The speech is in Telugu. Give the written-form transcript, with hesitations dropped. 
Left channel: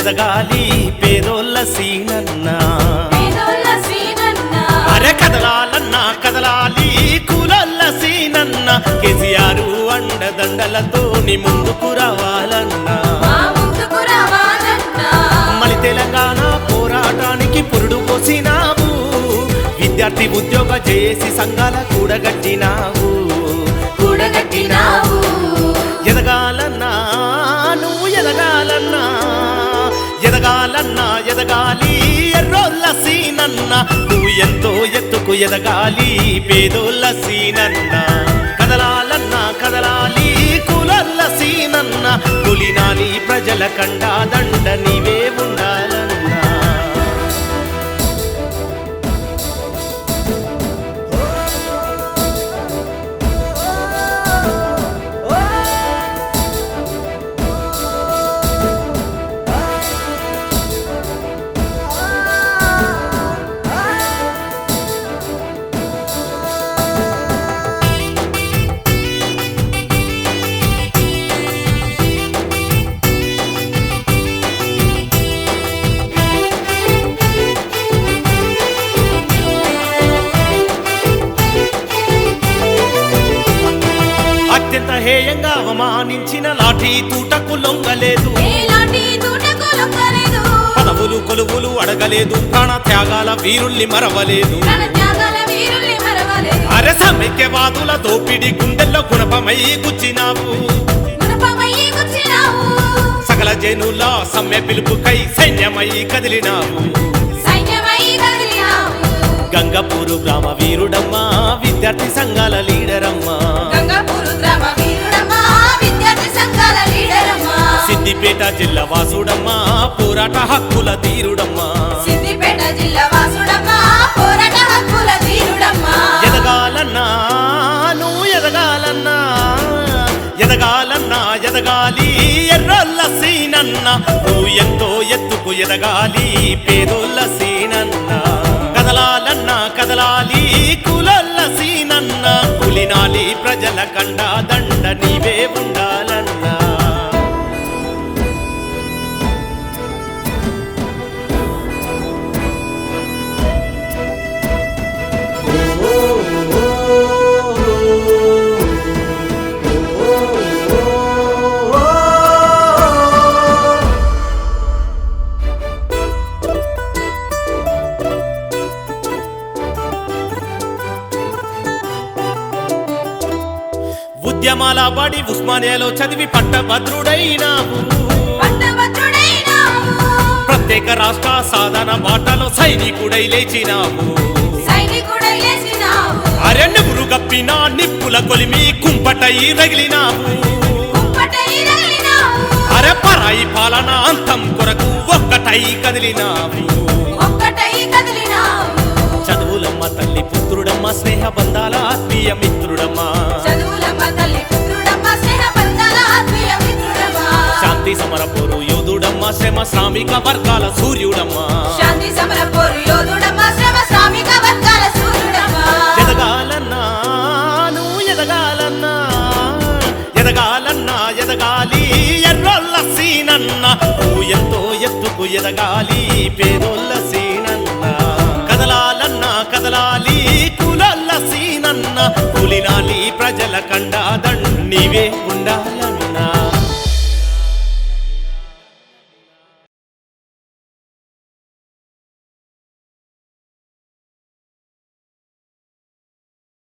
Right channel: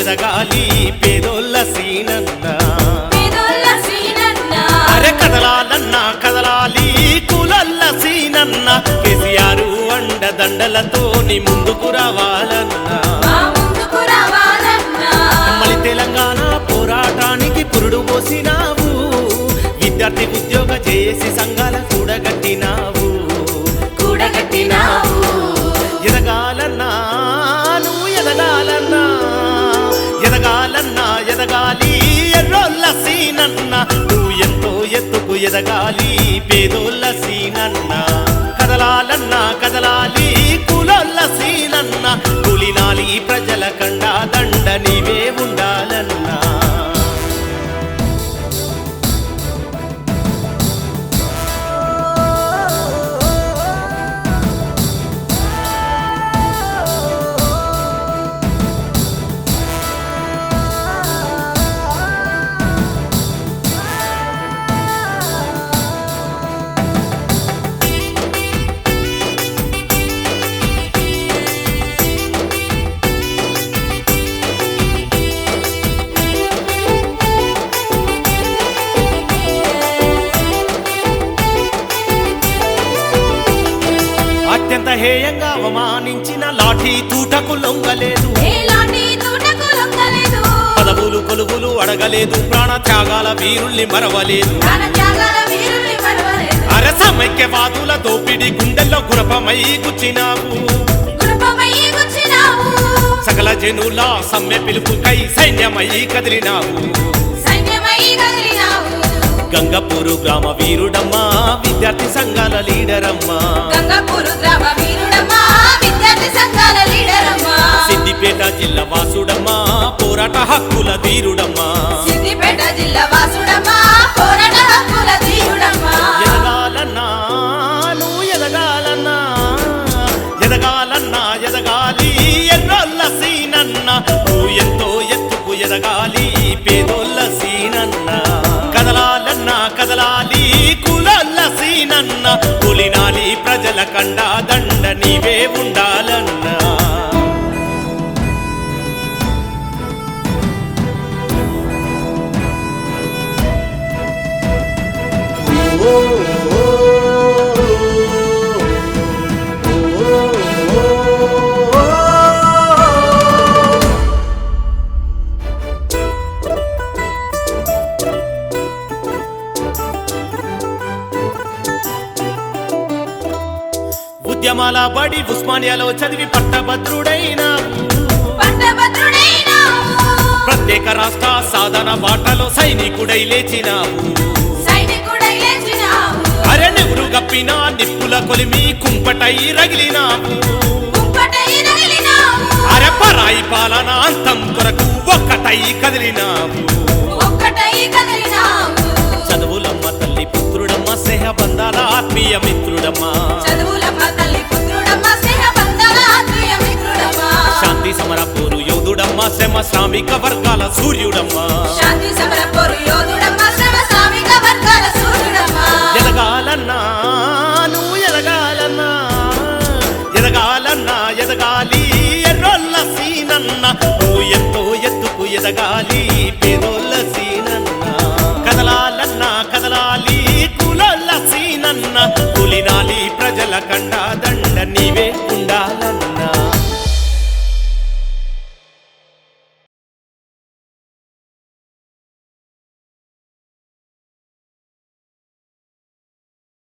ఎదగాలి పేదోళ్ళ సీనన్న అరే కదలాలన్నా కదలాలి కులల్ల సీనన్న కేసీఆర్ అండదండలతోని ముందుకు రావాలన్నా మళ్ళీ తెలంగాణ పోరాటానికి పురుడు పోసినావు విద్యార్థి ఉద్యోగ చేసి సంఘాల కూడగట్టినావు ఎదగాలన్నా నువ్వు ఎదగాలన్నా ఎదగాలన్నా ఎదగాలి ఎర్రోళ్ళ సీనన్న నువ్వు ఎంతో ఎత్తుకు ఎదగాలి పేదోళ్ళ సీనన్న కదలాలన్నా కదలాలి కులల్ల సీనన్న కులినాలి ప్రజల కండా దండ నీవే ఉండాలన్నా అత్యంత హేయంగా అవమానించిన లాఠీ తూటకు లొంగలేదు పదవులు కొలువులు అడగలేదు ప్రాణ త్యాగాల వీరుల్ని మరవలేదు అరే సమైక్యవాదుల దోపిడి గుండెల్లో గుణపమై గుచ్చినావు సకల జనుల సమ్మె పిలుపుకై సైన్యమై కదిలినావు గంగపూరు గ్రామ వీరుడమ్మా విద్యార్థి సంఘాల లీడరమ్మా సిద్దిపేట జిల్లా వాసుడమ్మా పోరాట హక్కుల ధీరుడమ్మా ఎదగాలన్నా నువ్వు ఎదగాలన్నా ఎదగాలన్నా ఎదగాలి ఎర్రల్ల సీనన్న నువ్వు ఎంతో ఎత్తుకు ఎదగాలి పేదోళ్ళ సీనన్న కదలాలన్నా కదలాలి కులల్ల సీనన్న కులినాలి ప్రజల కండా దండ నీవే ఉండాలన్నా ఉద్యమాల బడి ఉస్మానియాలో చదివి పట్టభద్రుడైనావు ప్రత్యేక రాష్ట్ర సాధన బాటలో సైనికుడై లేచినావు అరే నెహ్రు గప్పిన నిప్పుల కొలిమి కుంపటై రగిలినావు అరే పరాయి పాలన అంతం కొరకు ఒక్కటై కదిలినావు చదువులమ్మ తల్లి పుత్రుడమ్మ స్నేహ బంధాల ఆత్మీయ మిత్రుడమ్మా శాంతి సమర పోరు యోధుడమ్మా శ్రమ శ్రామిక వర్గాల సూర్యుడమ్మా